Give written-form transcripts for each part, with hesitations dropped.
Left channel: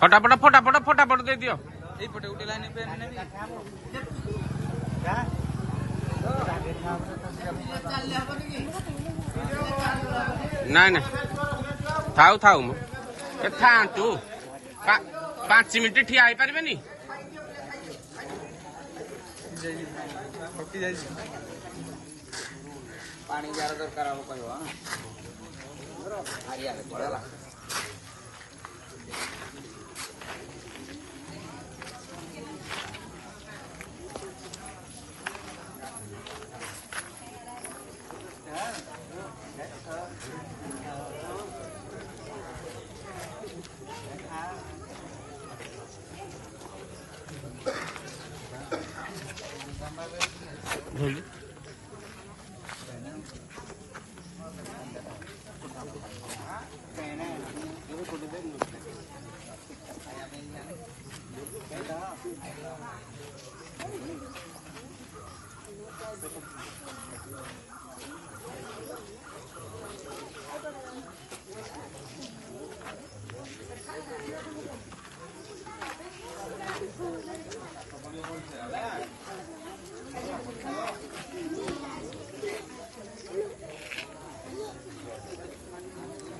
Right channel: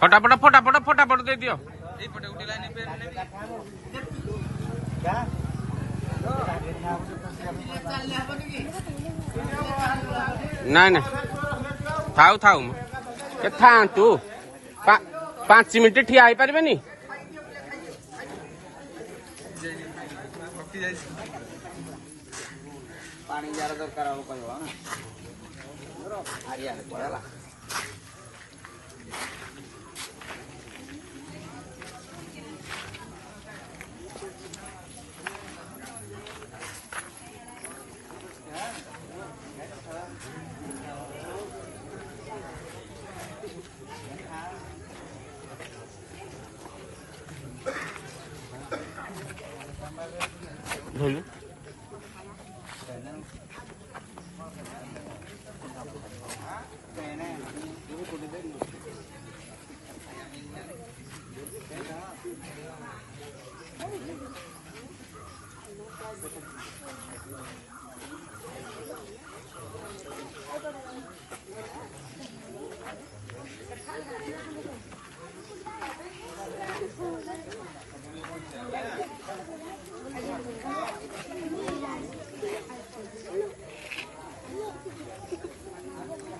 फटाफट फटाफट फटाफट दे दियो। नाई ना थाऊ थाऊ के था तू 5 मिनट ठिया हो पारे नी पानी दरकार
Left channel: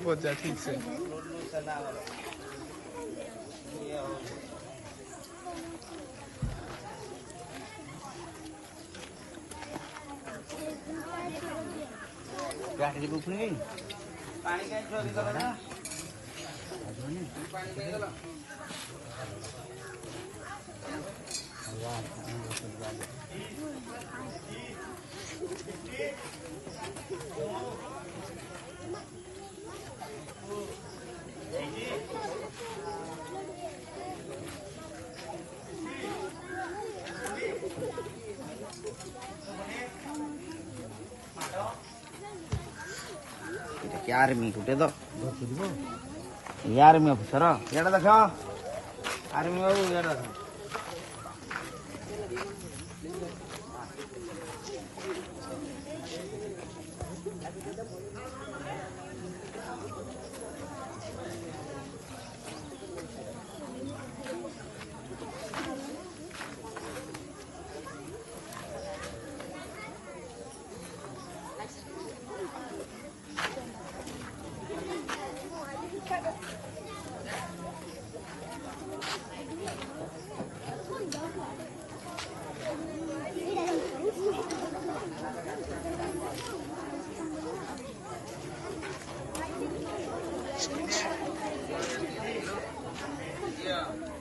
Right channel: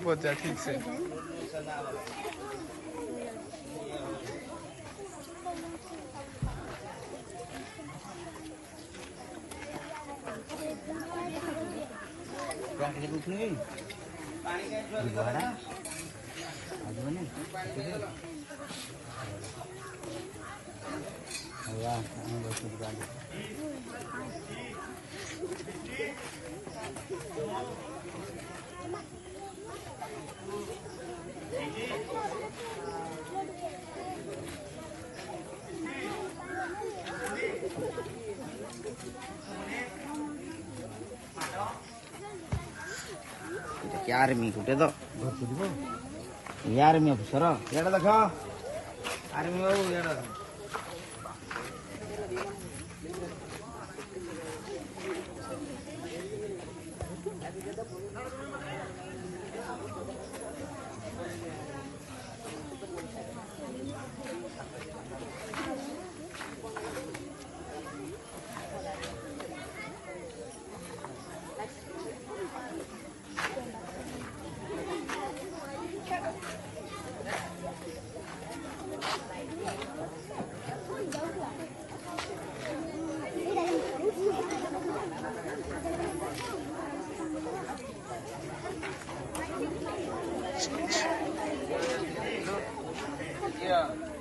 पहुंचा ठीक से पानी का चोरी करो ना पानी के गलो यार मी कुटे तो यार मी अफसर याडा देख आर्मी याडा Yeah.